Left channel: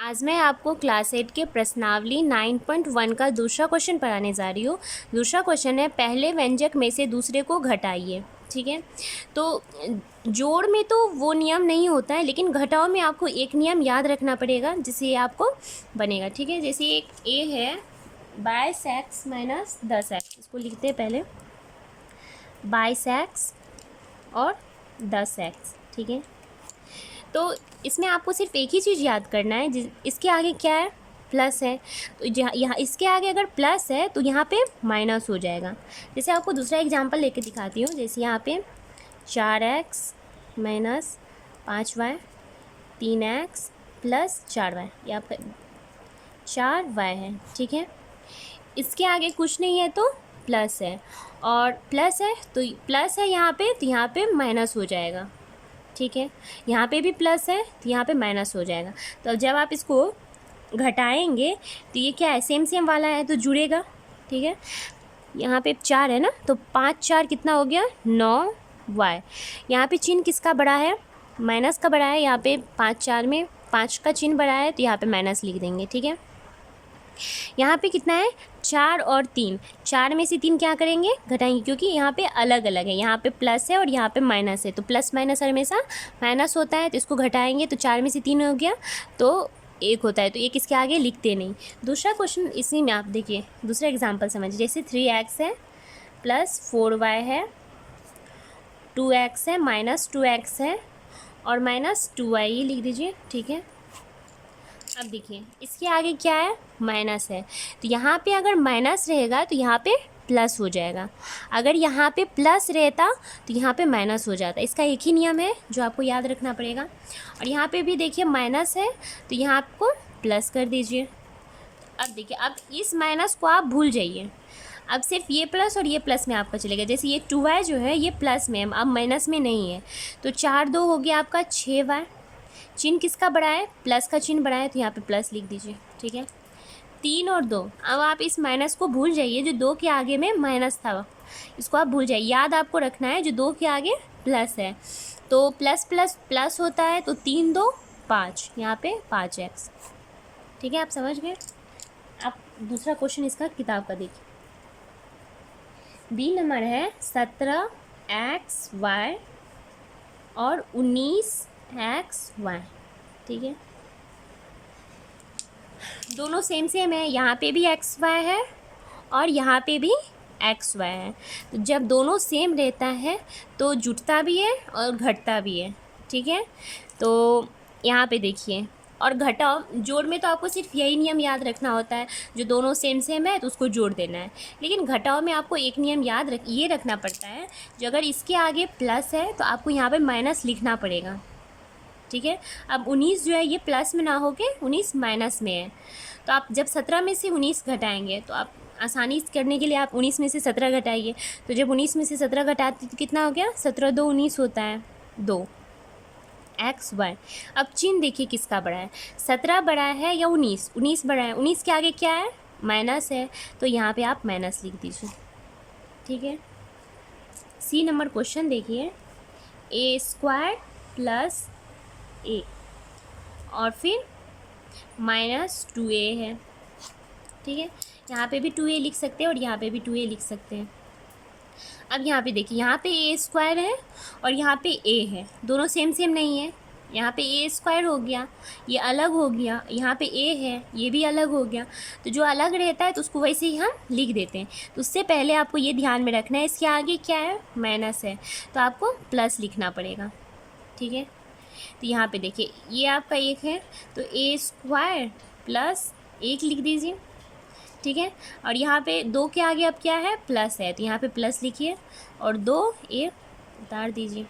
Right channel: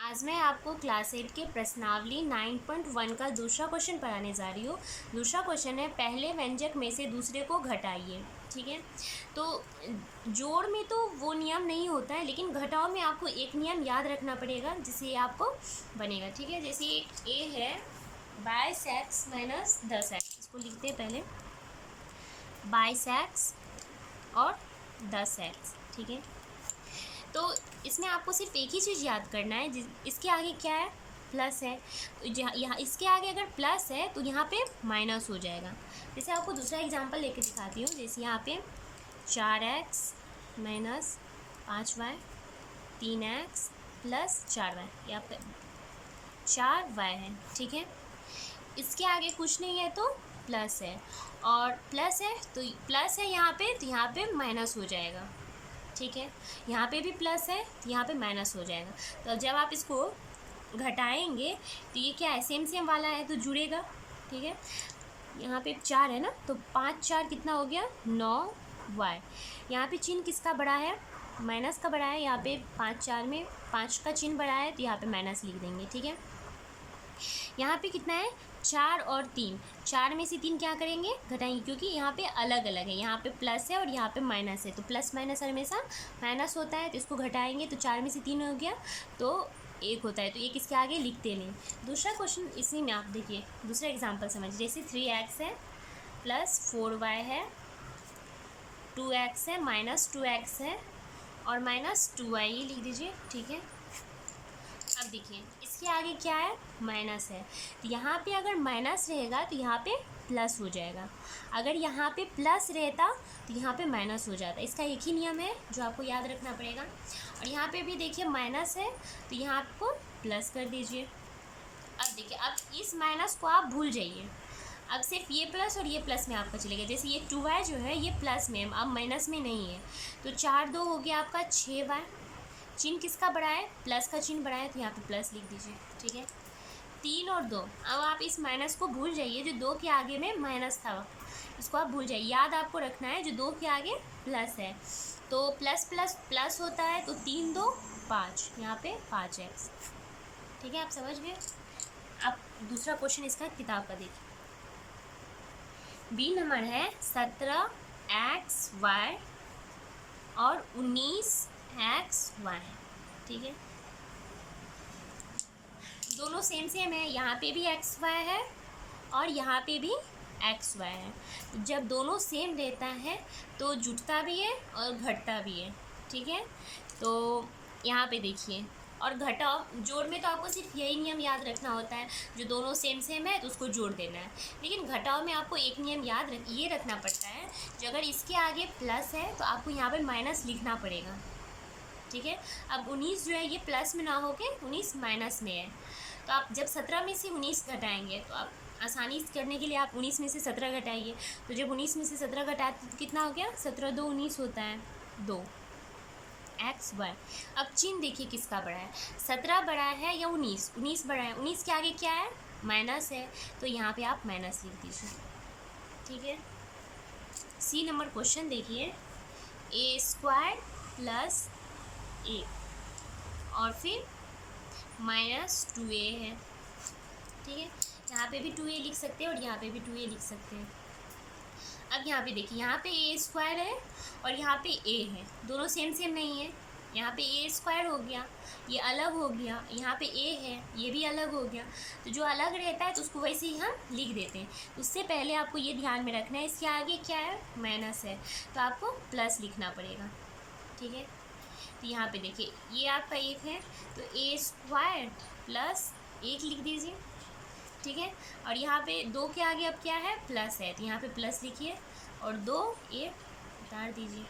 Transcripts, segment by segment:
आज मैं आपको क्लास 8 के प्रश्नावली 9.1 का दूसरा क्वेश्चन पढ़ाने जा रही हूँ। दूसरा क्वेश्चन है, पहले व्यंजक में से दूसरे को घटाइए। ठीक है, तो जोड़ में तो वो नियम नहीं होता है, लेकिन घटाव में आपको एक नियम याद रखना पड़ेगा जिससे ये आपको बनेगा। ठीक है, जैसे एक ए है 22x माइनस 10x, इसको लिखते हैं पहले 22x और 10x। ठीक है, तो इसमें आपको सिर्फ एक ही चीज़ याद करना है, इसके आगे क्या है, प्लस है। तो यहाँ इसके आगे अगर प्लस है तो यहाँ पे माइनस हो जाएगा। जैसे आपको दूसरा एग्जांपल लेके दिखाती हूँ। जैसे यहाँ पे 4x minus 5y 3x plus 4y, यहाँ पे 4y है। ठीक है, इसके आगे कुछ नहीं है तो प्लस है, और प्लस है तो प्लस है यहाँ पे, तो यहाँ पे माइनस हो जाएगा। ठीक है, यहाँ पे भी प्लस है तो यहाँ पे माइनस हो जाएगा। तो जब आप इसको घटाएंगे तो ये क्या है, सेम सेम वाला है तो जुड़ेगा। ठीक है, यहाँ पे 4 है ना, तो 5 4 कितना हो गया, 9y। यहाँ पे चिन्ह किसका बड़ा है, माइनस का बड़ा है। यहाँ पे 5 4 में 5 का चिन्ह बड़ा है तो यहाँ पे माइनस लिख देंगे। ठीक है, यहाँ पे कितना है, 4 और 3, 4 में से 3 क्या करेंगे, घटाएंगे, क्योंकि यहाँ पे अलग अलग है। यहाँ पे प्लस है और यहाँ पे माइनस है, तो प्लस माइनस हमेशा माइनस होता है, तो इसको घटाएंगे तो 4 में से 3 हो गया तो 1 होता है, तो 1 इसके आगे लिखते नहीं। दूसरा क्वेश्चन इसी में आप देखिए, दूसरा एग्जाम्पल समझिए। जैसे 3x है प्लस 4y है, 2x है माइनस 2x है और माइनस 2y, ये लिख दीजिए। ठीक है, अब देखिए इसके आगे क्या है, माइनस है, तो यहाँ पे अगर माइनस रहेगा तो यहाँ पे प्लस हो जाएगा। अगर यहाँ पे प्लस रहता तो यहाँ पे माइनस हो जाता। इसका एक ही नियम है जो आपको याद रखना पड़ेगा। और यहाँ पे भी देखिए माइनस है तो यहाँ आपको प्लस कर दीजिए। अब देखिए, अब इस माइनस को आप भूल जाइए, अब सिर्फ ये प्लस और ये प्लस में आपका चलेगा। जैसे ये 2y जो है ये प्लस में है, अब माइनस में नहीं है, तो 4 2 हो गया आपका 6y। चिन्ह किसका बड़ा है, प्लस का चिन्ह बड़ा है, तो यहाँ पे प्लस लिख दीजिए। ठीक है, 3 और 2, अब आप इस माइनस को भूल जाइए, जो 2 के आगे में माइनस था इसको आप भूल जाइए। याद आपको रखना है जो 2 के आगे प्लस है, तो प्लस प्लस प्लस होता है, तो 3 2 5, यहाँ पे 5x। ठीक है, आप समझ गए। आप दूसरा क्वेश्चन इसका किताब का देखिए। बी नंबर है 17xy और 19xy। ठीक है, दोनों सेम सेम है, यहाँ पे भी xy है और यहाँ पे भी xy है। तो जब दोनों सेम रहता है तो जुटता भी है और घटता भी है। ठीक है, तो यहाँ पे देखिए, और घटाओ जोड़ में तो आपको सिर्फ यही नियम याद रखना होता है, जो दोनों सेम सेम है तो उसको जोड़ देना है। लेकिन घटाओ में आपको एक नियम ये रखना पड़ता है, जो अगर इसके आगे प्लस है तो आपको यहाँ पे माइनस लिखना पड़ेगा। ठीक है, अब 19 जो है ये प्लस में ना होके 19 माइनस में है, तो आप जब 17 में से 19 घटाएंगे तो आप आसानी करने के लिए आप 19 में से 17 घटाइए। तो जब 19 में से 17 घटाते तो कितना हो गया, 17 2 19 होता है, 2 xy। अब चिन्ह देखिए किसका बड़ा है, 17 बड़ा है या 19, 19 बड़ा है। 19 के आगे क्या है, माइनस है, तो यहाँ पे आप माइनस लिख दीजिए। ठीक है, सी नंबर क्वेश्चन देखिए, a² प्लस a और फिर माइनस 2a है। ठीक है, यहाँ पे भी 2a लिख सकते हैं और यहाँ पे भी 2a लिख सकते हैं। अब यहाँ पे देखिए, यहाँ पे a² है और यहाँ पे a है, दोनों सेम सेम नहीं है। यहाँ पे a² हो गया, ये अलग हो गया, यहाँ पे a है, ये भी अलग हो गया। तो जो अलग रहता है तो उसको वैसे ही हम लिख देते हैं। तो उससे पहले आपको ये ध्यान में रखना है, इसके आगे क्या है, माइनस है, तो आपको प्लस लिखना पड़ेगा। ठीक है, तो यहाँ पे देखिए ये आपका 1 है, तो a² प्लस 1 लिख दीजिए। ठीक है, और यहाँ पे 2 के आगे अब क्या है, प्लस है, तो यहाँ पे प्लस लिखिए और 2 a उतार दीजिए।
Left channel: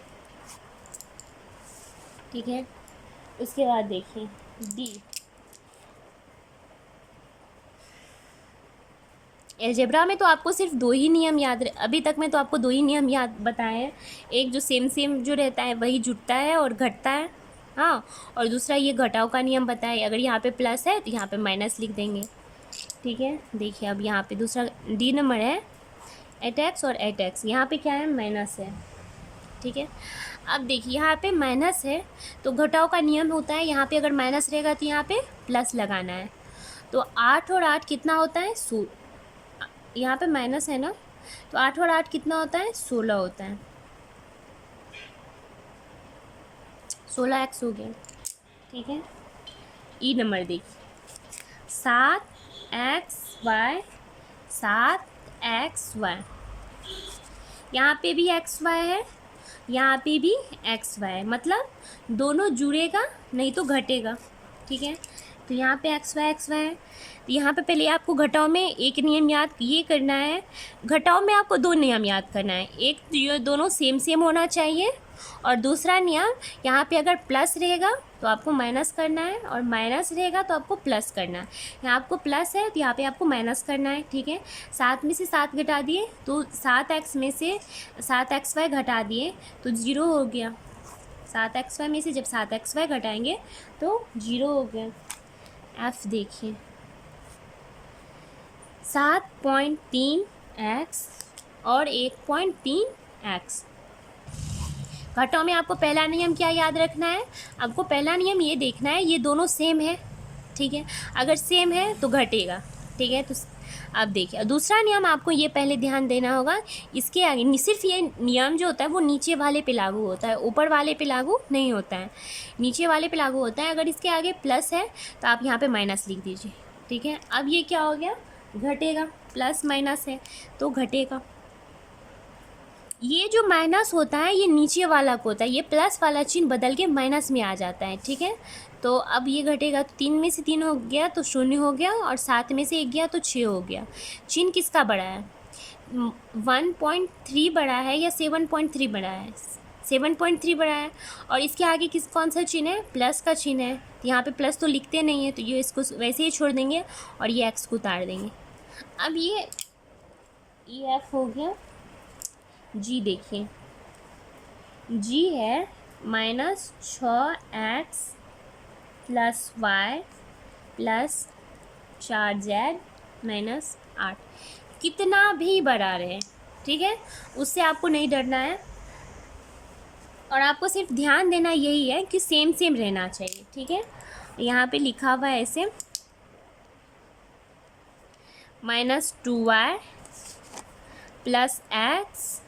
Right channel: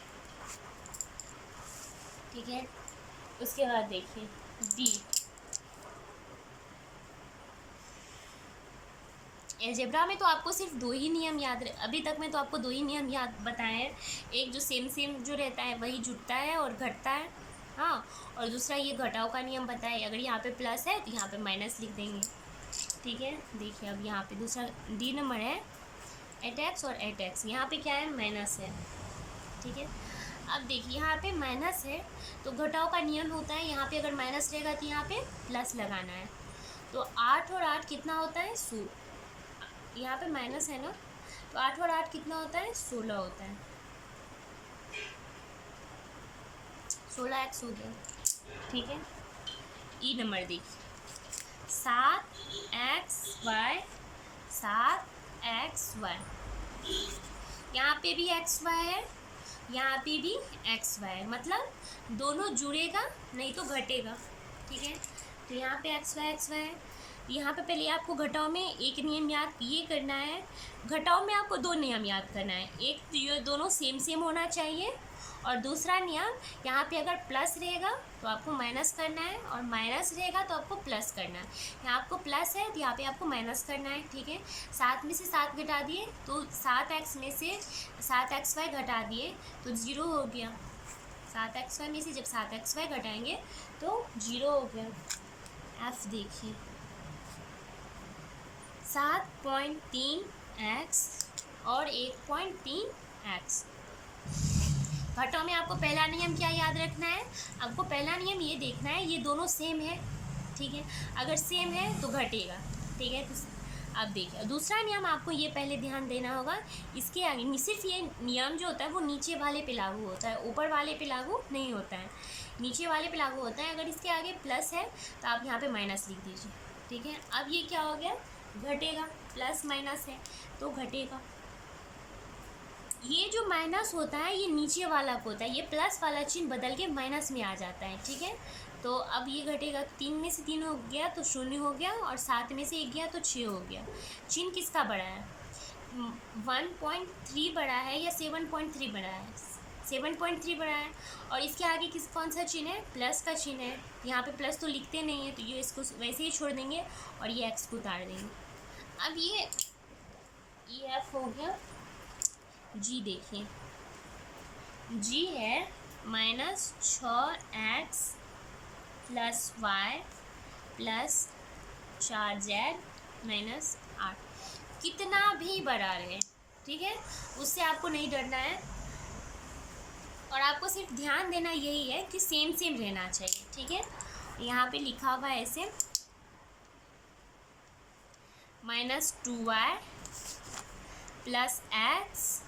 ठीक है, उसके बाद देखिए डी, एलजेब्रा में तो आपको सिर्फ 2 ही नियम याद अभी तक मैं तो आपको 2 ही नियम याद बताए हैं। एक जो सेम सेम जो रहता है वही जुटता है और घटता है, हाँ, और दूसरा ये घटाव का नियम बताए, अगर यहाँ पे प्लस है तो यहाँ पे माइनस लिख देंगे। ठीक है, देखिए अब यहाँ पे दूसरा डी नंबर है 8x और 8x, यहाँ पे क्या है, माइनस है। ठीक है, अब देखिए यहाँ पे माइनस है तो घटाव का नियम होता है, यहाँ पे अगर माइनस रहेगा तो यहाँ पे प्लस लगाना है। तो 8 और 8 कितना होता है? यहाँ पे माइनस है ना, तो 8 और 8 कितना होता है? 16 होता है। 16x हो गया, ठीक है। ई नंबर देखिए 7xy, 7xy, यहाँ पे भी xy है, यहाँ पे भी xy है, मतलब दोनों जुड़ेगा नहीं तो घटेगा, ठीक है। तो यहाँ पे xy है। यहाँ पे पहले आपको घटाव में एक नियम याद ये करना है, घटाव में आपको दो नियम याद करना है। एक तो ये दोनों सेम सेम होना चाहिए, और दूसरा नियम यहाँ पे अगर प्लस रहेगा तो आपको माइनस करना है, और माइनस रहेगा तो आपको प्लस करना है। यहाँ आपको प्लस है तो यहाँ पे आपको माइनस करना है, ठीक है। 7 में से 7 घटा दिए तो 7x में से 7xy घटा दिए तो 0 हो गया। 7xy में से जब 7xy घटाएंगे तो 0 हो गया। एफ देखिए 7.3x और 1.3x। घटाव में आपको पहला नियम क्या याद रखना है? आपको पहला नियम ये देखना है ये दोनों सेम है, ठीक है। अगर सेम है तो घटेगा, ठीक है। तो अब देखिए दूसरा नियम आपको ये पहले ध्यान देना होगा, इसके आगे सिर्फ ये नियम जो होता है वो नीचे वाले पे लागू होता है, ऊपर वाले पे लागू नहीं होता है, नीचे वाले पे लागू होता है। अगर इसके आगे प्लस है तो आप यहाँ पे माइनस लिख दीजिए, ठीक है। अब ये क्या हो गया? घटेगा, प्लस माइनस है तो घटेगा। ये जो माइनस होता है ये नीचे वाला को होता है, ये प्लस वाला चिन्ह बदल के माइनस में आ जाता है, ठीक है। तो अब ये घटेगा तो 3 में से 3 हो गया तो 0 हो गया, और 7 में से 1 गया तो 6 हो गया। चिन्ह किसका बड़ा है? 1.3 बड़ा है या 7.3 बड़ा है? 7.3 बड़ा है। और इसके आगे कौन सा चिन्ह है? प्लस का चिन्ह है। यहाँ पे प्लस तो लिखते नहीं है तो ये इसको वैसे ही छोड़ देंगे और ये एक्स को उतार देंगे। अब ये एफ हो गया। जी देखिए जी है -6x + y + 4z - 8। कितना भी बड़ा रहे, ठीक है, उससे आपको नहीं डरना है, और आपको सिर्फ ध्यान देना यही है कि सेम सेम रहना चाहिए, ठीक है। यहाँ पे लिखा हुआ है ऐसे -2y + x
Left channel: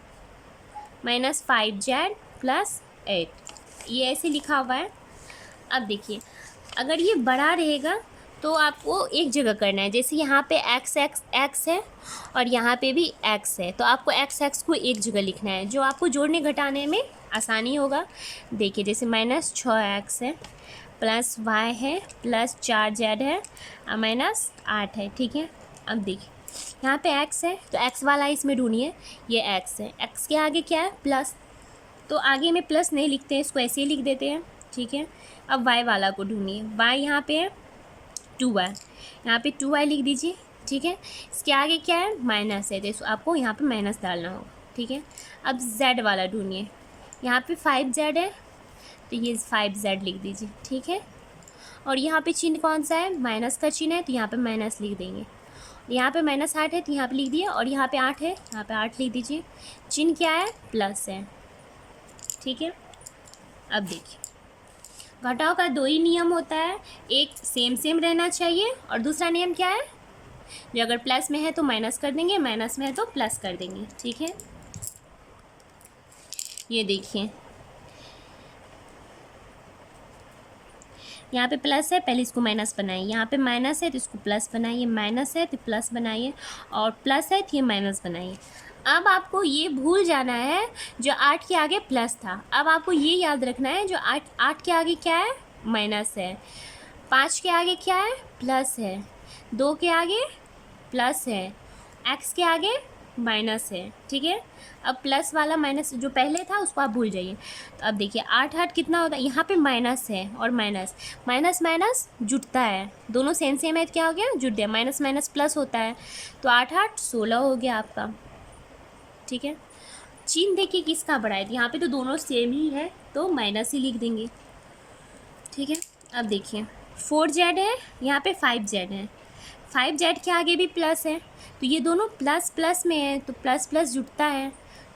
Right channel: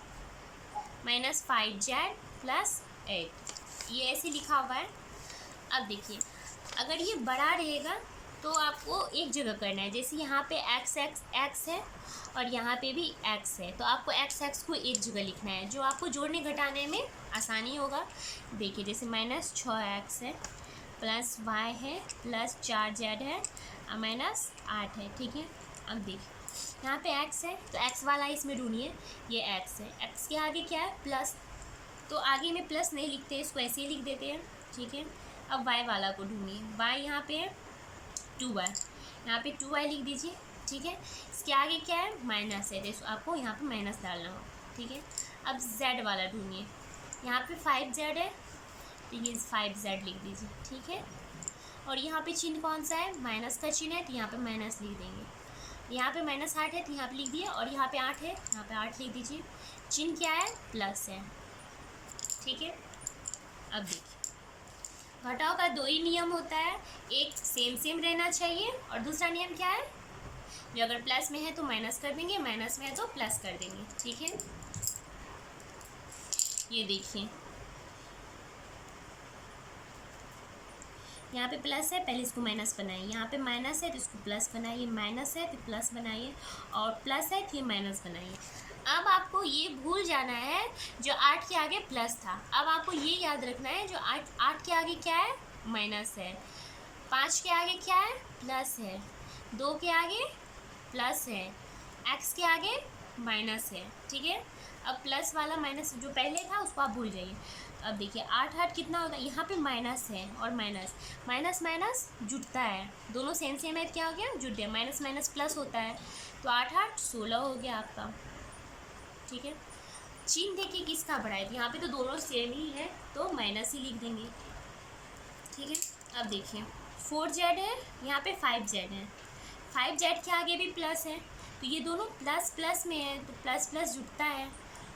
-5z + 8, ये ऐसे लिखा हुआ है। अब देखिए अगर ये बड़ा रहेगा तो आपको एक जगह करना है, जैसे यहाँ पे x है और यहाँ पे भी x है, तो आपको x को एक जगह लिखना है, जो आपको जोड़ने घटाने में आसानी होगा। देखिए जैसे -6x है + y है + 4z है -8 है, ठीक है। अब देखिए यहाँ पे x है तो x वाला इसमें ढूंढिए, ये x है, x के आगे क्या है? प्लस, तो आगे में प्लस नहीं लिखते हैं, इसको ऐसे ही लिख देते हैं, ठीक है। अब y वाला को ढूंढिए, y यहाँ पे है 2y, यहाँ पे 2y लिख दीजिए, ठीक है। इसके आगे क्या है? माइनस है, तो आपको यहाँ पे माइनस डालना होगा, ठीक है। अब z वाला ढूंढिए, यहाँ पे 5z है तो ये 5z लिख दीजिए, ठीक है। और यहाँ पे चिन्ह कौन सा है? माइनस का चिन्ह है तो यहाँ पे माइनस लिख देंगे। यहाँ पे -8 है तो यहाँ पे लिख दिए, और यहाँ पे 8 है यहाँ पे 8 लिख दीजिए। चिन्ह क्या है? प्लस है, ठीक है। अब देखिए घटाव का दो ही नियम होता है, एक सेम सेम रहना चाहिए, और दूसरा नियम क्या है? जो अगर प्लस में है तो माइनस कर देंगे, माइनस में है तो प्लस कर देंगे, ठीक है। ये देखिए यहाँ पे प्लस है, पहले इसको माइनस बनाइए, यहाँ पे माइनस है तो इसको प्लस बनाइए, माइनस है तो प्लस बनाइए, और प्लस है तो ये माइनस बनाइए। अब आपको ये भूल जाना है जो 8 के आगे प्लस था, अब आपको ये याद रखना है जो 8 के आगे क्या है? माइनस है। 5 के आगे क्या है? प्लस है। 2 के आगे प्लस है, x के आगे माइनस है, ठीक है। अब प्लस वाला माइनस जो पहले था उसको आप भूल जाइए। तो अब देखिए 8 कितना होता है? यहाँ पे माइनस है और माइनस माइनस जुटता है, दोनों सेम सेम है, क्या हो गया? जुट गया, माइनस माइनस प्लस होता है, तो 8 16 हो गया आपका, ठीक है। चिन्ह देखिए किसका बड़ा है, यहाँ पे तो दोनों सेम ही है तो माइनस ही लिख देंगे, ठीक है। अब देखिए 4z है, यहाँ पे 5z है, 5z के आगे भी प्लस है, तो ये दोनों प्लस प्लस में है तो प्लस प्लस जुटता है,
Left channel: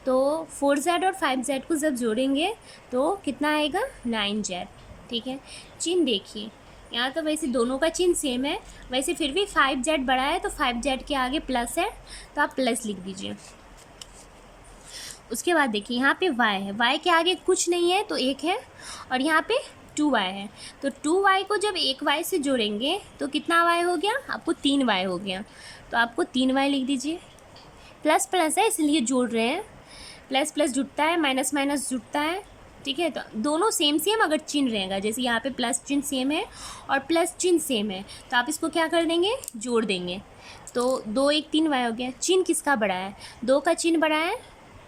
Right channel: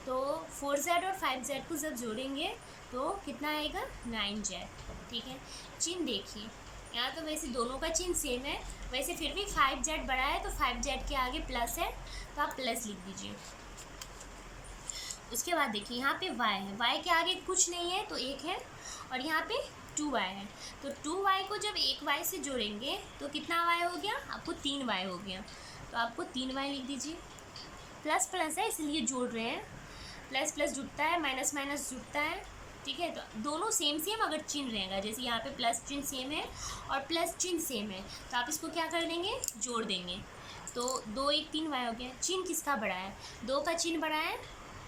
तो 4z और 5z को जब जोड़ेंगे तो कितना आएगा 9z। ठीक है, चिन्ह देखिए, यहाँ तो वैसे दोनों का चिन्ह सेम है, वैसे फिर भी 5z बड़ा है तो 5z के आगे प्लस है तो आप प्लस लिख दीजिए। उसके बाद देखिए यहाँ पे y है, y के आगे कुछ नहीं है तो 1 है, और यहाँ पे 2y है, तो 2y को जब 1y से जोड़ेंगे तो कितना y हो गया, आपको 3y हो गया, तो आपको 3y लिख दीजिए। प्लस प्लस है इसलिए जोड़ रहे हैं, प्लस प्लस जुड़ता है, माइनस माइनस जुड़ता है। ठीक है, तो दोनों सेम सेम अगर चिन्ह रहेगा, जैसे यहाँ पे प्लस चिन्ह सेम है और प्लस चिन्ह सेम है, तो आप इसको क्या कर देंगे, जोड़ देंगे, तो 2 1 3y हो गया। चिन्ह किसका बड़ा है, 2 का चिन्ह बड़ा है,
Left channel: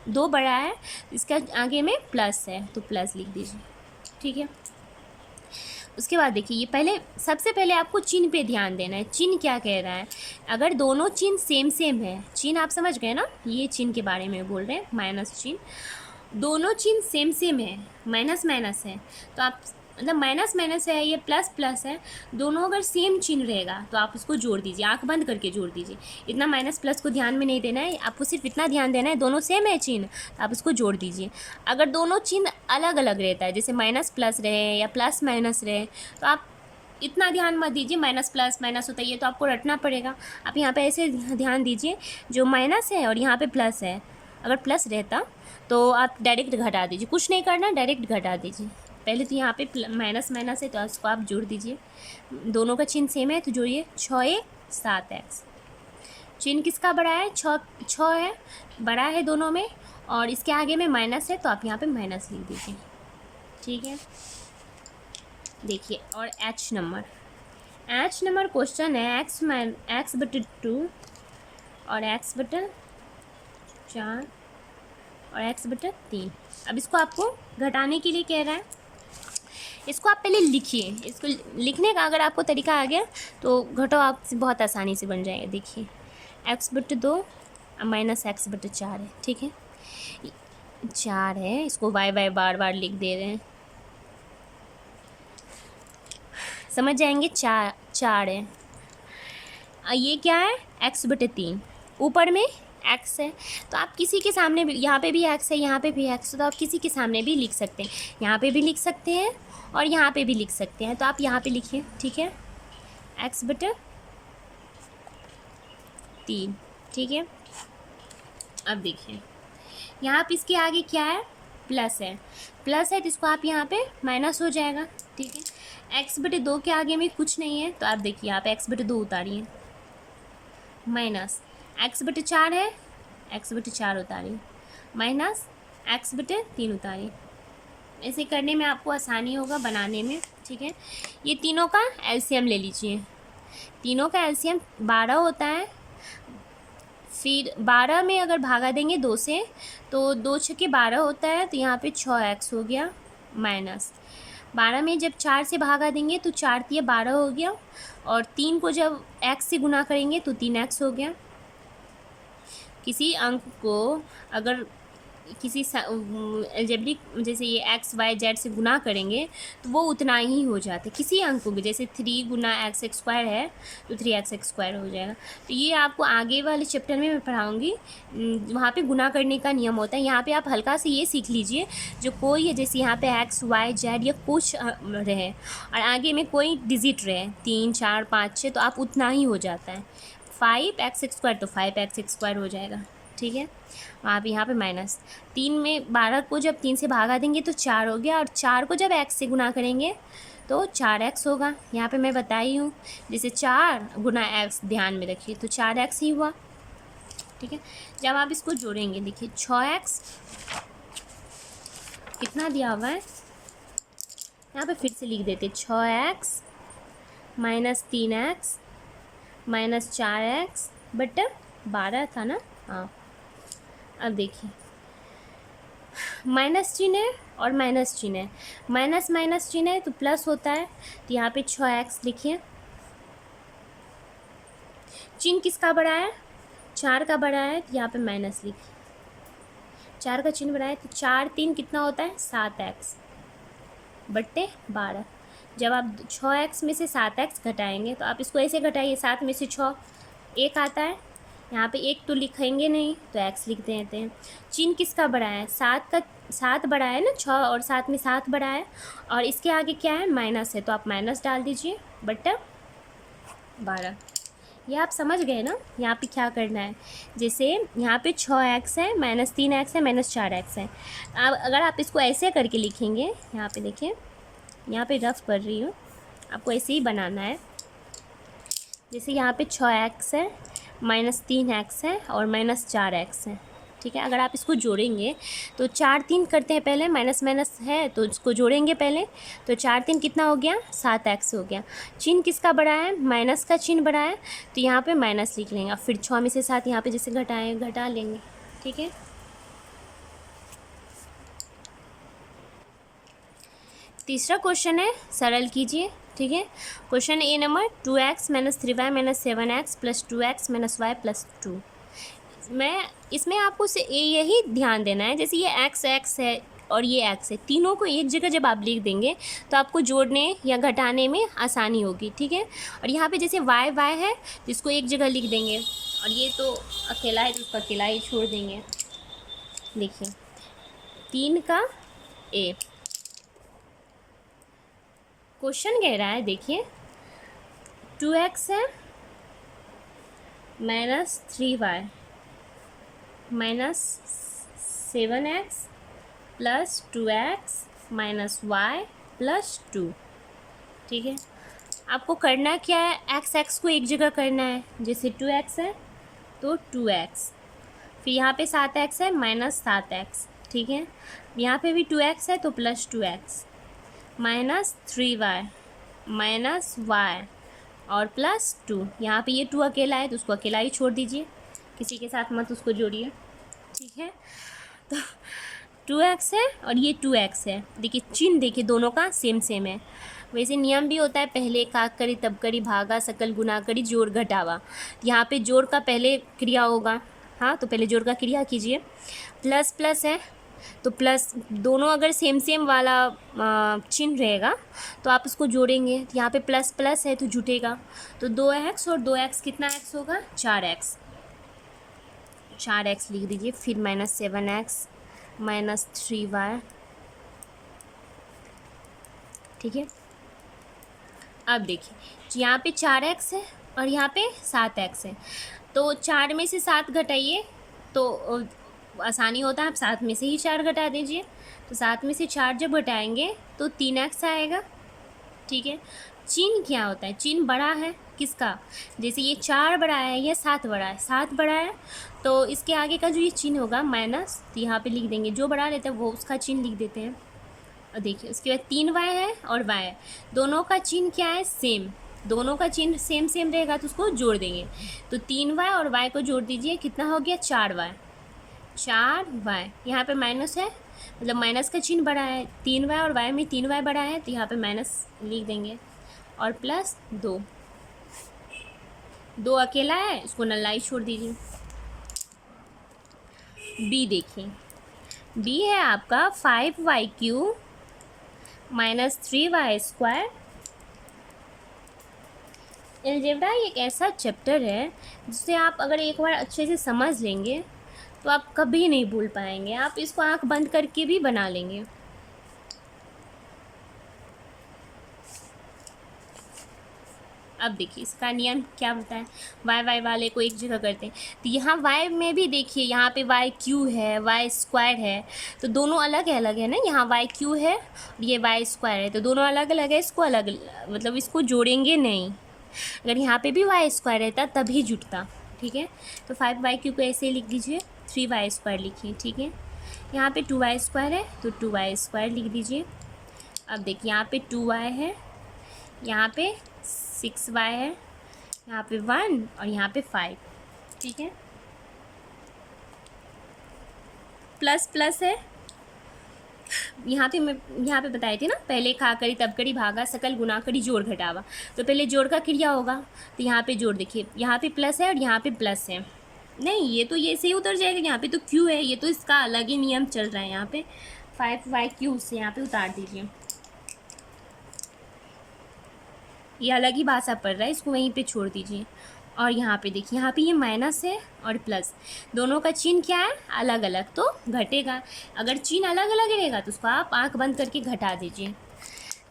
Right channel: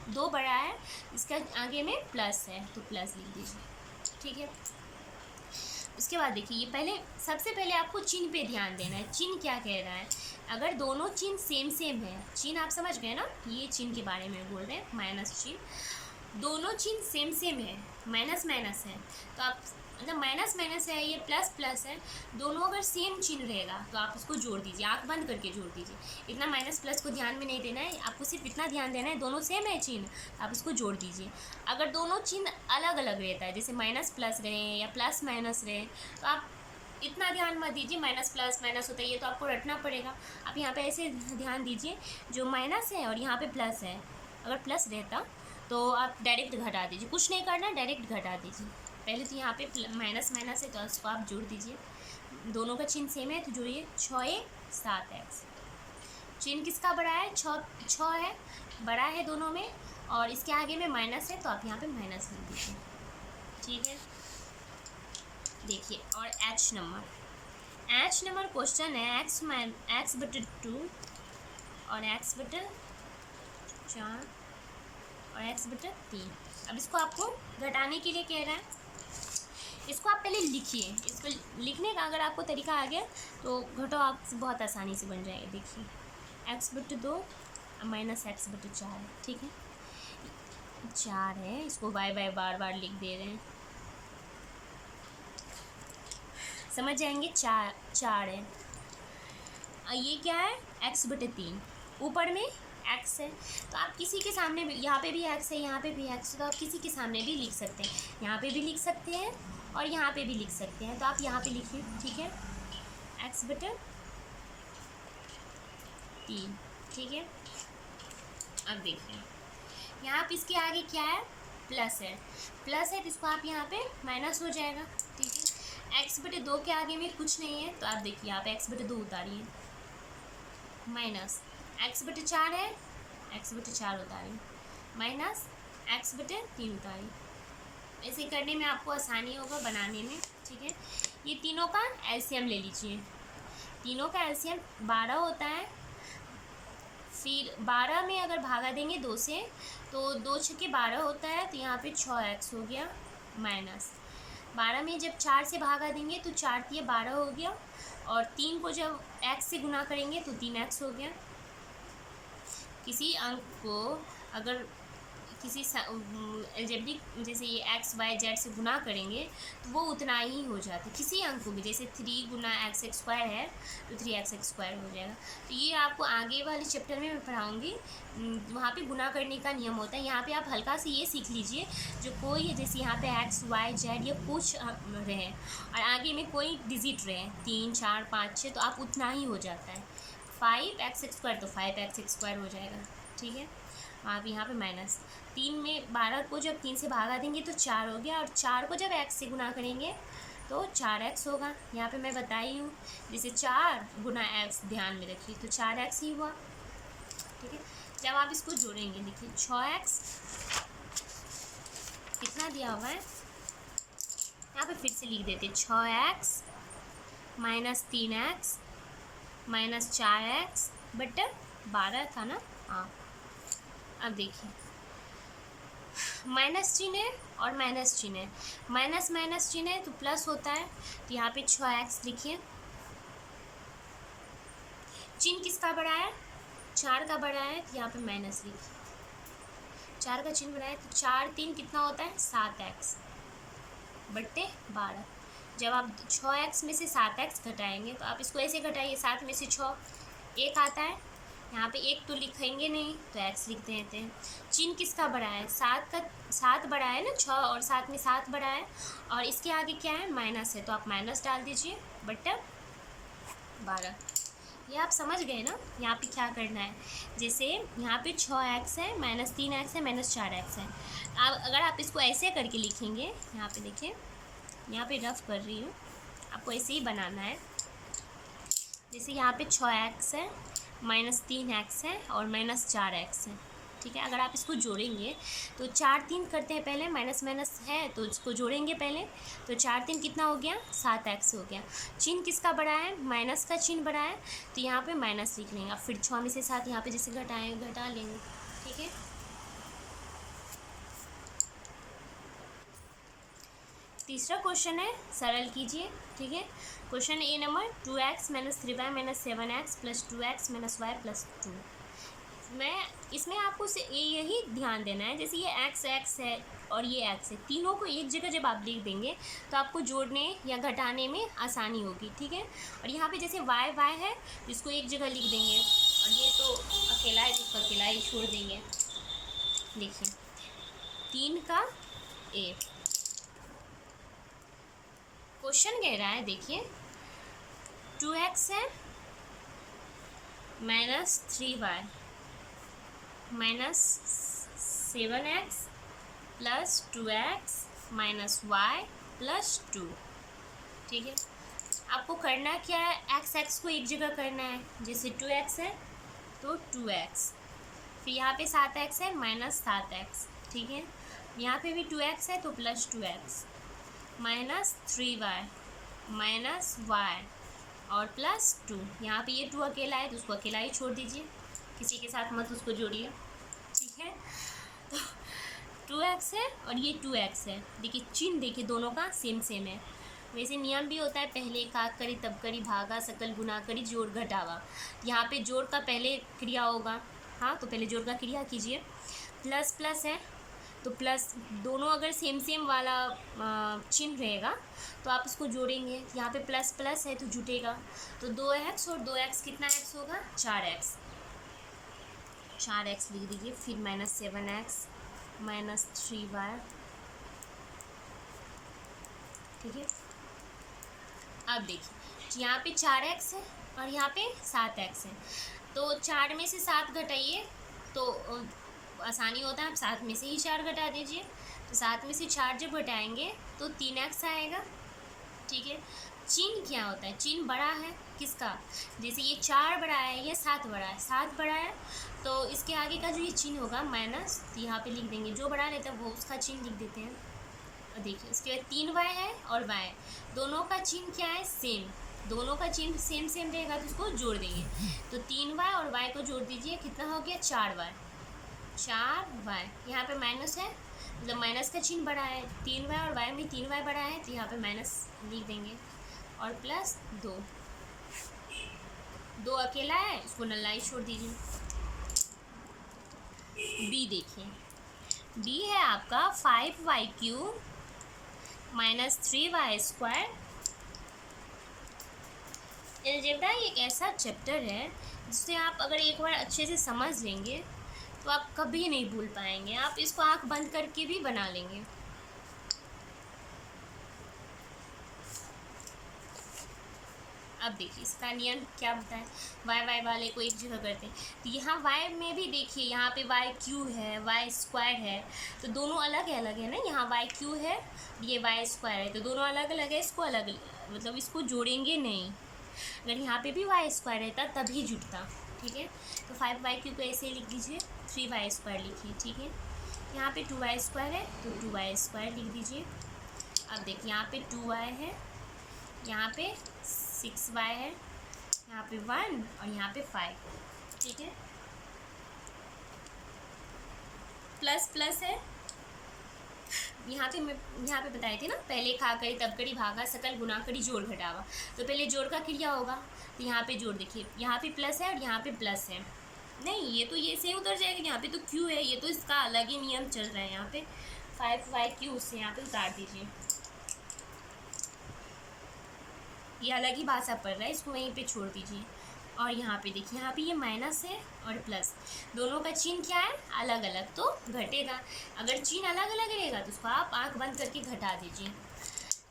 2 बड़ा है, इसका आगे में प्लस है तो प्लस लिख दीजिए। ठीक है, उसके बाद देखिए, ये पहले सबसे पहले आपको चिन्ह पे ध्यान देना है, चिन्ह क्या कह रहा है। अगर दोनों चिन्ह सेम सेम है, चिन्ह आप समझ गए ना, ये चिन्ह के बारे में बोल रहे हैं, माइनस चिन्ह, दोनों चिन्ह सेम सेम है, माइनस माइनस है, तो आप मतलब माइनस माइनस है, ये प्लस प्लस है, दोनों अगर सेम चिन्ह रहेगा तो आप उसको जोड़ दीजिए, आंख बंद करके जोड़ दीजिए। इतना माइनस प्लस को ध्यान में नहीं देना है, आपको सिर्फ इतना ध्यान देना है, दोनों सेम है चिन्ह, आप उसको जोड़ दीजिए। अगर दोनों चिन्ह अलग अलग रहता है, जैसे माइनस प्लस रहे या प्लस माइनस रहे, तो आप इतना ध्यान मत दीजिए, माइनस प्लस माइनस होता है ये तो आपको रटना पड़ेगा। आप यहाँ पे ऐसे ध्यान दीजिए, जो माइनस है और यहाँ पे प्लस है, अगर प्लस रहता तो आप डायरेक्ट घटा दीजिए, कुछ नहीं करना, डायरेक्ट घटा दीजिए। पहले तो यहाँ पे माइनस माइनस है तो उसको आप जोड़ दीजिए, दोनों का चिन्ह सेम है तो जोड़िए, 6 7x। चिन्ह किसका बड़ा है, 6 है, बड़ा है दोनों में, और इसके आगे में माइनस है तो आप यहाँ पे माइनस लिख दीजिए। ठीक है, देखिए, और एच नंबर क्वेश्चन है, x बटे 2 और x बटे 4 और x बटे 3। अब इसको आपको घटाने के लिए कह रहा है, इसको आप पहले लिखिए, इसको लिखने का अगर आपको तरीका आ गया तो घटो आपसे बहुत आसानी से बन जाएगा। देखिए, x बटे 2 माइनस x बटे 4 है। ठीक है, 4 है, इसको y बार बार लिख दे रहे हैं, समझ जाएंगे, 4 है। ये क्या है, x बटे 3, ऊपर में x है, तो आप किसी के सामने भी, यहाँ पे भी x है, यहाँ पे भी x है, तो आप किसी के सामने भी लिख सकते हैं, यहाँ पे भी लिख सकते हैं और यहाँ पे भी लिख सकते हैं, तो आप यहाँ पे लिखिए। ठीक है, x बटे 3। ठीक है, अब देखिए, यहाँ पे इसके आगे क्या है, प्लस है, तो इसको आप यहाँ पे माइनस हो जाएगा। ठीक है, x बटे 2 के आगे में कुछ नहीं है, तो आप देखिए यहाँ पे x बटे 2 उतारिए, माइनस x बटे 4 है, x बटे 4 उतारिए, माइनस x बटे 3 उतारिए। ऐसे करने में आपको आसानी होगा बनाने में। ठीक है, ये तीनों का एलसीएम ले लीजिए, तीनों का एलसीएम 12 होता है, फिर 12 में अगर भागा देंगे 2 से तो 2 छक्के 12 होता है, तो यहाँ पे 6x हो गया, माइनस 12 में जब 4 से भागा देंगे तो 4 तिया 12 हो गया, और 3 को जब x से गुना करेंगे तो 3x हो गया। किसी अंक को अगर किसी अलजेब्रिक जैसे ये x y z से गुना करेंगे तो वो उतना ही हो जाता है, किसी अंक को भी, जैसे 3 गुना x² है तो 3x² हो जाएगा। तो ये आपको आगे वाले चैप्टर में मैं पढ़ाऊँगी, वहाँ पे गुना करने का नियम होता है। यहाँ पे आप हल्का से ये सीख लीजिए, जो कोई है, जैसे यहाँ पे x y z या कुछ रहे और आगे में कोई डिजिट रहे, 3 4 5 6, तो आप उतना ही हो जाता है। 5x² तो 5x² हो जाएगा। ठीक है, आप यहाँ पे माइनस 3 में 12 को जब 3 से भागा देंगे तो 4 हो गया, और 4 को जब x से गुना करेंगे तो 4x होगा। यहाँ पे मैं बताई हूँ, जैसे 4 गुना x, ध्यान में रखिए, तो 4x ही हुआ। ठीक है, जब आप इसको जोड़ेंगे, देखिए 6x कितना दिया हुआ है, यहाँ पे फिर से लिख देते, 6x minus 3x minus 4x but 12 था ना। हाँ, अब देखिए, माइनस चिन्ह है और माइनस चिन्ह है, माइनस माइनस चिन्ह है तो प्लस होता है, तो यहाँ पे 6x लिखिए। चिन्ह किसका बड़ा है, 4 का बड़ा है, तो यहाँ पे माइनस लिखिए, 4 का चिन्ह बड़ा है, तो 4 3 कितना होता है, 7x बट्टे 12। जब आप 6x में से 7x घटाएंगे तो आप इसको ऐसे घटाइए, 7 में से 6 1 आता है, यहाँ पे एक तो लिखेंगे नहीं तो एक्स लिख देते हैं। चिन्ह किसका बड़ा है, सात बड़ा है ना, 6 और 7 में 7 बड़ा है, और इसके आगे क्या है, माइनस है, तो आप माइनस डाल दीजिए बटा 12। ये आप समझ गए ना यहाँ पे क्या करना है। जैसे यहाँ पे 6x है, -3x है, -4x है। अब अगर आप इसको ऐसे करके लिखेंगे, यहाँ पे देखिए, यहाँ पे रफ कर रही हूँ, आपको ऐसे ही बनाना है। जैसे यहाँ पे 6x है, -3x है और -4x है, ठीक है। अगर आप इसको जोड़ेंगे तो 4 3 करते हैं पहले, माइनस माइनस है तो इसको जोड़ेंगे पहले, तो 4 3 कितना हो गया, 7x हो गया। चिन्ह किसका बड़ा है, माइनस का चिन्ह बड़ा है, तो यहाँ पे माइनस लिख लेंगे। फिर 6 में से 7 यहाँ पे जैसे घटा लेंगे, ठीक है। तीसरा क्वेश्चन है, सरल कीजिए, ठीक है। क्वेश्चन ए number 2x - 3y - 7x + 2x - y + 2। इसमें आपको यही ध्यान देना है, जैसे ये x है और ये x है, तीनों को एक जगह जब आप लिख देंगे तो आपको जोड़ने या घटाने में आसानी होगी, ठीक है। और यहाँ पे जैसे y है जिसको एक जगह लिख देंगे, और ये तो अकेला है तो उसको अकेला ही छोड़ देंगे। देखिए 3 का a, क्वेश्चन कह रहा है, देखिए 2x है -3y -7x + 2x - y + 2, ठीक है। आपको करना क्या है, x को एक जगह करना है। जैसे 2x है तो 2x, फिर यहाँ पे 7x है -7x, ठीक है। यहाँ पे भी 2x है तो +2x, -3y -y और +2। यहाँ पे ये 2 अकेला है तो उसको अकेला ही छोड़ दीजिए, किसी के साथ मत उसको जोड़िए, ठीक है। तो 2x है और ये 2x है। देखिए चिन्ह देखिए दोनों का सेम है। वैसे नियम भी होता है, पहले काक करी तब करी भागा सकल गुना करी जोड़ घटावा। यहाँ पे जोड़ का पहले क्रिया होगा, हाँ, तो पहले जोड़ का क्रिया कीजिए। प्लस प्लस है तो प्लस, दोनों अगर सेम वाला चिन्ह रहेगा तो आप उसको जोड़ेंगे। यहाँ पे प्लस प्लस है तो जुटेगा, तो 2x और 2x कितना x होगा, 4x लिख दीजिए। फिर -7x -3y, ठीक है। अब देखिए यहाँ पे 4x है और यहाँ पे 7x है, तो 4 में से 7 घटाइए तो आसानी होता है, आप 7 में से ही 4 घटा दीजिए। तो 7 में से 4 जब घटाएंगे तो 3x आएगा, ठीक है। चिन्ह क्या होता है, चिन्ह बड़ा है किसका, जैसे ये 4 बड़ा है या 7 बड़ा है, 7 बड़ा है तो इसके आगे का जो ये चिन्ह होगा माइनस, तो यहाँ पे लिख देंगे, जो बड़ा रहता है वो उसका चिन्ह लिख देते हैं। और देखिए उसके बाद 3y है और y है, दोनों का चिन्ह क्या है, सेम, दोनों का चिन्ह सेम रहेगा तो उसको जोड़ देंगे। तो 3y और y को जोड़ दीजिए, कितना हो गया, 4y। यहाँ पे माइनस है, मतलब माइनस का चिन्ह बड़ा है, 3y और y में 3y बड़ा है तो यहाँ पे माइनस लिख देंगे, और +2 अकेला है, इसको नल्लाई छोड़ दीजिए। b देखिए, b है आपका 5y³ -3y²। अलजेब्रा एक ऐसा चैप्टर है जिसे आप अगर एक बार अच्छे से समझ लेंगे तो आप कभी नहीं भूल पाएंगे, आप इसको आंख बंद करके भी बना लेंगे। अब देखिए इसका नियम क्या होता है, y वाले को एक जगह करते हैं, तो यहाँ y में भी देखिए, यहाँ पे y³ है, y² है, तो दोनों अलग है ना, यहाँ y³ है और ये y² है, तो दोनों अलग अलग है, इसको अलग मतलब इसको जोड़ेंगे नहीं। अगर यहाँ पे भी y² रहता तभी जुटता, ठीक है। तो 5y³ को ऐसे लिख दीजिए, 3y² लिखिए, ठीक है। यहाँ पे 2y² है तो 2y² लिख दीजिए। अब देखिए यहाँ पे 2y है, यहाँ पे 6y है, यहाँ पे 1 और यहाँ पे 5, ठीक है। प्लस प्लस है, यहाँ पे बताई थी ना, पहले खा करी तब करी भागा सकल गुना करी जोड़ घटावा, तो पहले जोड़ का क्रिया होगा, तो यहाँ पे जोड़ देखिए, यहाँ पे प्लस है और यहाँ पे प्लस है, नहीं ये तो ये से ही उतर जाएगा, यहाँ पे तो q है, ये तो इसका अलग ही नियम चल रहा है। यहाँ पे 5y³ से यहाँ पे उतार दीजिए, ये अलग ही भाषा पढ़ रहा है, इसको वहीं पे छोड़ दीजिए। और यहाँ पे देखिए, यहाँ पे ये माइनस है और प्लस, दोनों का चिन्ह क्या है, अलग अलग, तो घटेगा। अगर चिन्ह अलग अलग रहेगा तो उसको आप आंख बंद करके घटा दीजिए।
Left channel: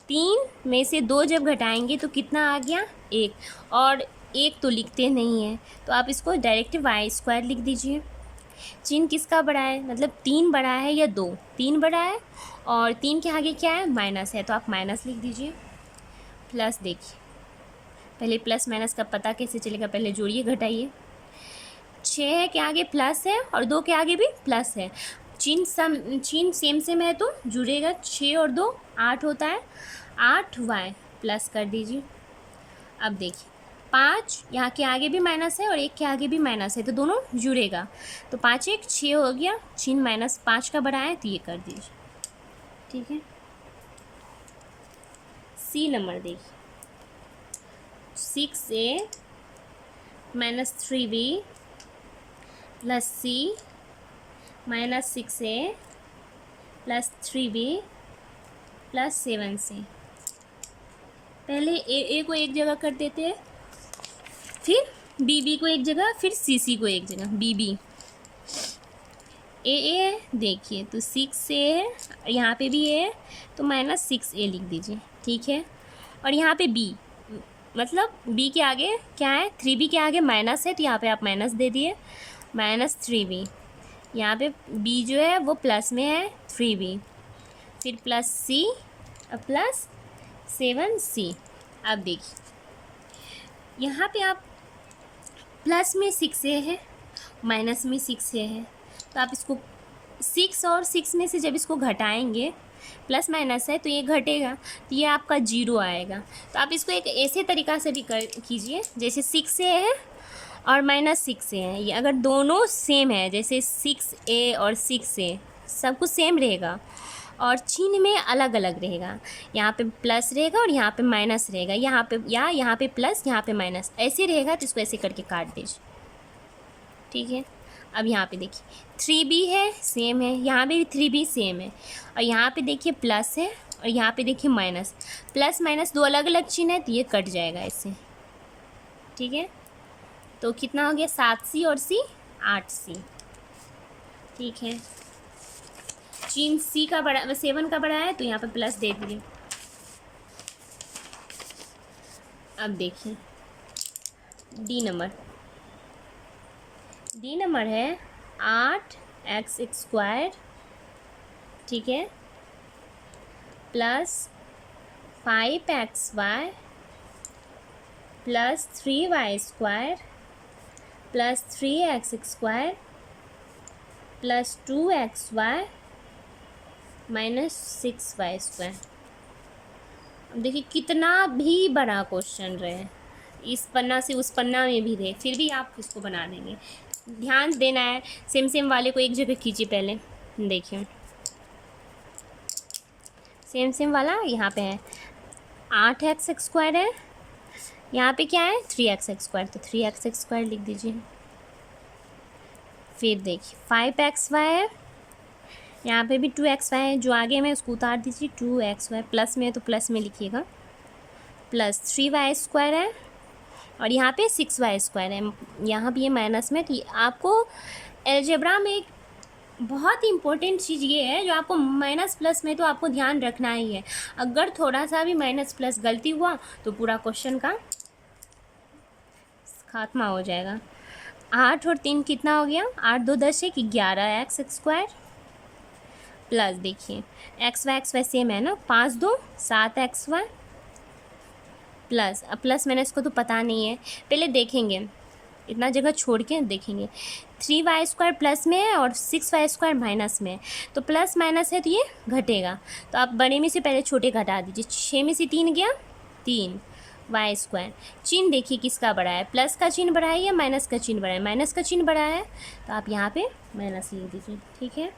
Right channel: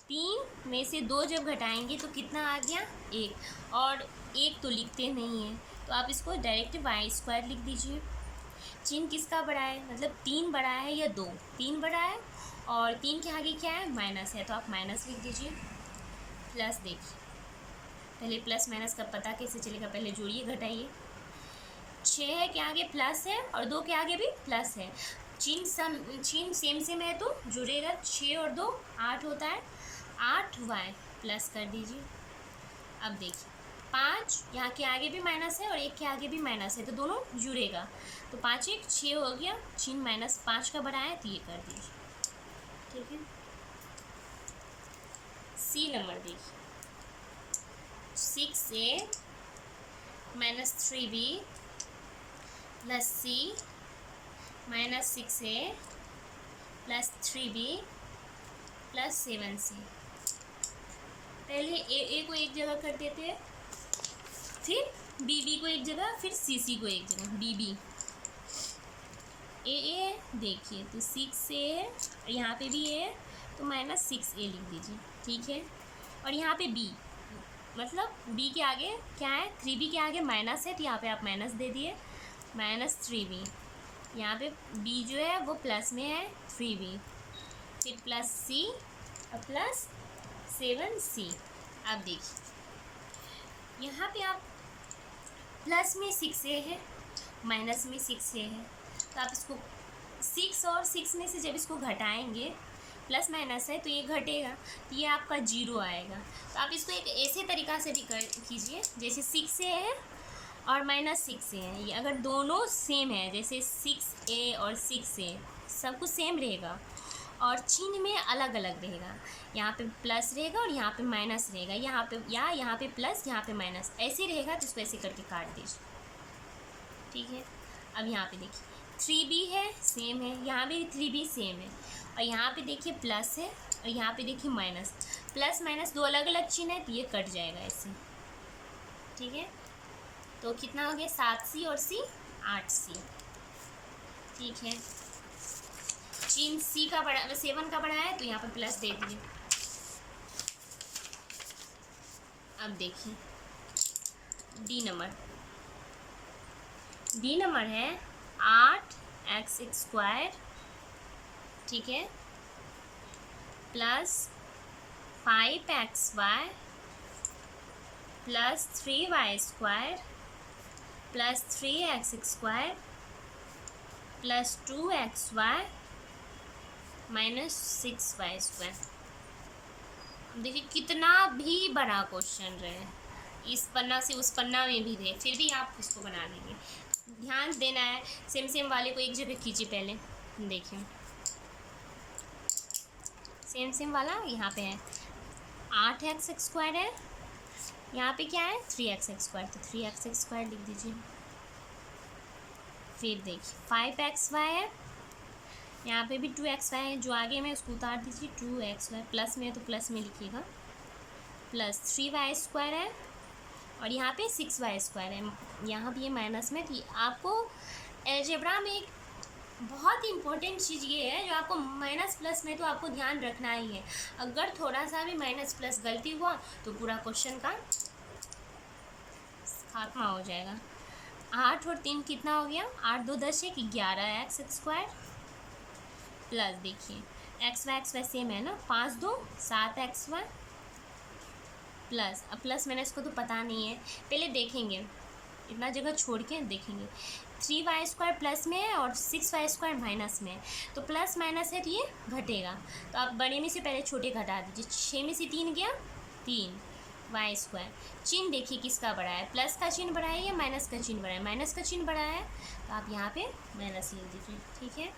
3 में से 2 जब घटाएंगे तो कितना आ गया, 1। और 1 तो लिखते नहीं है, तो आप इसको डायरेक्ट y² लिख दीजिए। चिन्ह किसका बड़ा है, मतलब 3 बड़ा है या 2? 3 बड़ा है, और 3 के आगे क्या है, माइनस है, तो आप माइनस लिख दीजिए। प्लस देखिए, पहले प्लस माइनस का पता कैसे चलेगा, पहले जोड़िए घटाइए। 6 के आगे प्लस है और 2 के आगे भी प्लस है, चिन्ह सेम सेम है तो जुड़ेगा। 6 और 2 8 होता है, 8y प्लस कर दीजिए। अब देखिए 5 यहाँ के आगे भी माइनस है और 1 के आगे भी माइनस है, तो दोनों जुड़ेगा, तो 5 1 6 हो गया, चिन्ह -5 का बड़ा है तो ये कर दीजिए। ठीक है, सी नंबर देखिए, 6a - 3b + c - 6a + 3b + 7c। पहले ए को एक जगह कर देते हैं, फिर बी को एक जगह, फिर सी को एक जगह। बी ए देखिए, तो 6a है, यहाँ पे भी ए है, तो -6a लिख दीजिए। ठीक है, और यहाँ पे बी, मतलब बी के आगे क्या है, 3b के आगे माइनस है, तो यहाँ पे आप माइनस दे दिए, -3b। यहाँ पे बी जो है वो प्लस में है, 3b, फिर प्लस c और प्लस 7c। अब देखिए, यहाँ पे आप प्लस में 6a है, माइनस में 6a है, तो आप इसको 6 और 6 में से जब इसको घटाएंगे, प्लस माइनस है तो ये घटेगा, तो ये आपका 0 आएगा। तो आप इसको एक ऐसे तरीक़ा से भी कीजिए, जैसे 6a है और -6a है, ये अगर दोनों सेम है, जैसे 6a और 6a सब कुछ सेम रहेगा और चिन्ह में अलग अलग रहेगा, यहाँ पे प्लस रहेगा और यहाँ पे माइनस रहेगा, यहाँ पे प्लस, यहाँ पे माइनस, ऐसे रहेगा, तो इसको ऐसे करके काट दीजिए। ठीक है, अब यहाँ पे देखिए 3b है, सेम है, यहाँ पे भी 3b सेम है, और यहाँ पे देखिए प्लस है और यहाँ पे देखिए माइनस, प्लस माइनस दो अलग अलग चिन्ह है, तो ये कट जाएगा ऐसे। ठीक है, तो कितना हो गया, 7c और c 8c। ठीक है, चिन्ह c का बड़ा, 7 का बड़ा है, तो यहाँ पे प्लस दे दिए। अब देखिए डी नंबर है 8x², ठीक है, plus 5xy plus 3y² plus 3x² plus 2xy -6y²। देखिए कितना भी बड़ा क्वेश्चन रहे, इस पन्ना से उस पन्ना में भी रहे, फिर भी आप इसको बना देंगे। ध्यान देना है, सेम वाले को एक जगह कीजिए पहले। देखिए सेम वाला यहाँ पे है, 8x² है, यहाँ पे क्या है 3x², तो 3x² लिख दीजिए। फिर देखिए 5xy है, यहाँ पे भी 2xy है, जो आगे में उसको उतार दीजिए, 2xy, प्लस में है तो प्लस में लिखिएगा, प्लस 3y² है, और यहाँ पे 6y² है, यहाँ भी ये माइनस में। तो आपको अलजेब्रा में एक बहुत ही इम्पोर्टेंट चीज़ ये है, जो आपको माइनस प्लस में तो आपको ध्यान रखना ही है, अगर थोड़ा सा भी माइनस प्लस गलती हुआ तो पूरा क्वेश्चन का खात्मा हो जाएगा। 8 और 3 कितना हो गया, 8 2 10 है कि 11x² प्लस देखिए xy सेम है ना, 5 2 7xy प्लस, अब प्लस माइनस को तो पता नहीं है, पहले देखेंगे, इतना जगह छोड़ के देखेंगे। 3y² प्लस में है और 6y² माइनस में है, तो प्लस माइनस है तो ये घटेगा, तो आप बड़े में से पहले छोटे घटा दीजिए। 6 में से 3 गया, 3y²। चिन्ह देखिए किसका बड़ा है, प्लस का चिन्ह बड़ा है या माइनस का चिन्ह बड़ा है, माइनस का चिन्ह बड़ा है, तो आप यहाँ पे माइनस लिख दीजिए। ठीक है,